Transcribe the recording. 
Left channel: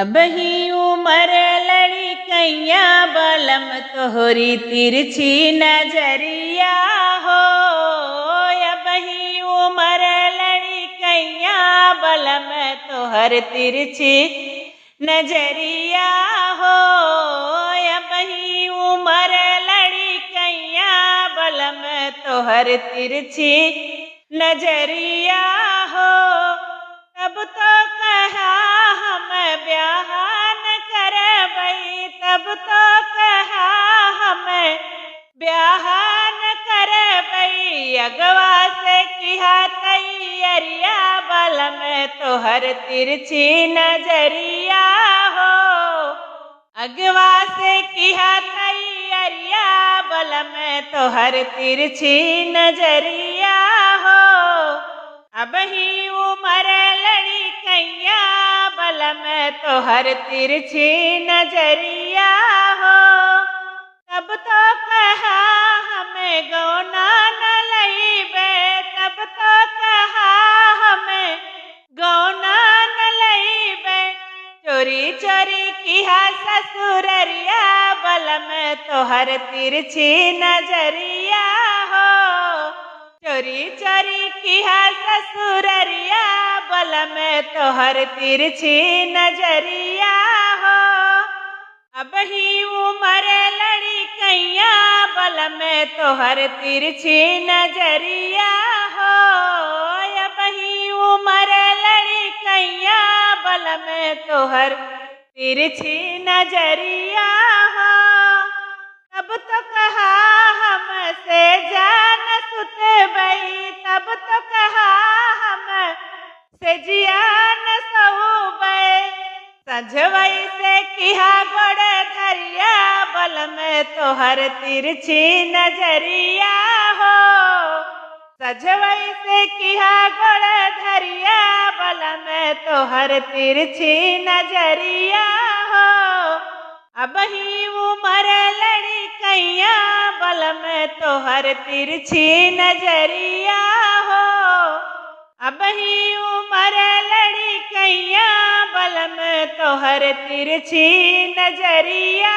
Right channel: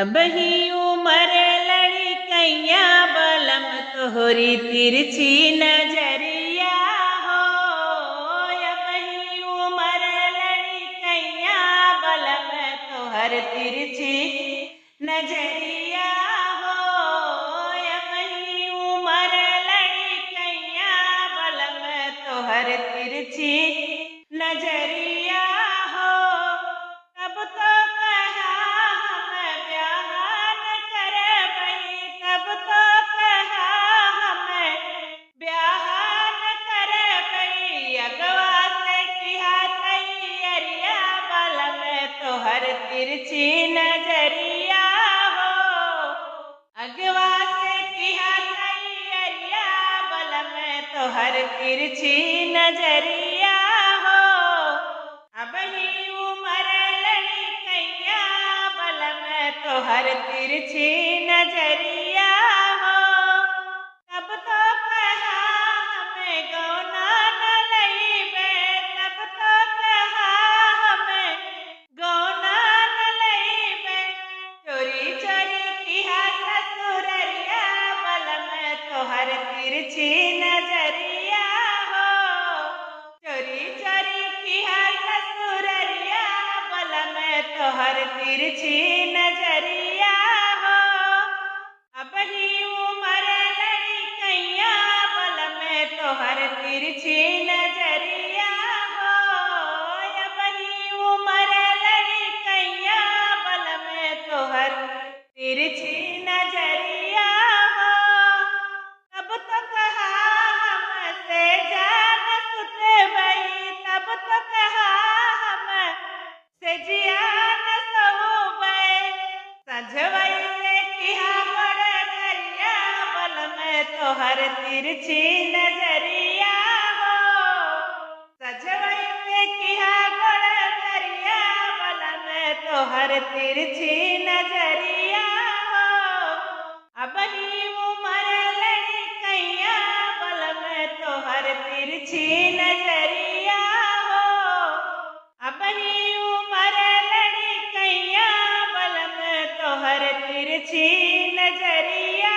अबही उमर लड़कैया बलम तोहरी तिरछी नजरिया हो। अबही उमर लड़कैया बलम तोहर तिरछी नजरिया हो। अबही उमर लड़कैया बलम तोहर तिरछी नजरिया हो। तब तो कहा हम ब्याह न करबई, तब तो कहा हम ब्याह न करबई। अगवा से किहा तैयरिया बलम तोहर तिरछी नजरिया हो। अगवा से किहा तैयरिया बलम तोहर तिरछी नजरिया हो। अबही उमर लड़कैया बलम तोहर तिरछी नजरिया हो। तब तो कहा हमें गौना न लईबे, तब तो कहा हमें गौना न लईबे। चोरी चोरी किहा ससुररिया बलम तोहर तिरछी नजरिया हो। चोरी चोरी किहा ससुररिया बलम तोहर तिरछी नजरिया हो। अबही उमर लड़कैया बलम तोहर तिरछी नजरिया हो। अबही उमर लड़कैया बलम तोहर तिरछी नजरिया हो। तब तो कहा हमसे जान सुतबई, तब तो कहा हम से जियान सहुबे। सजवई से किहा गड़ धरिया बलम तोहर तिरछी नजरिया हो। सजवई से किहा गड़ धरिया बलम तोहर तिरछी नजरिया हो। अबही उमर लड़कैया बलम तोहर तिरछी नजरिया हो। अबही उमर लड़कैया बलम तोहर तिरछी नजरिया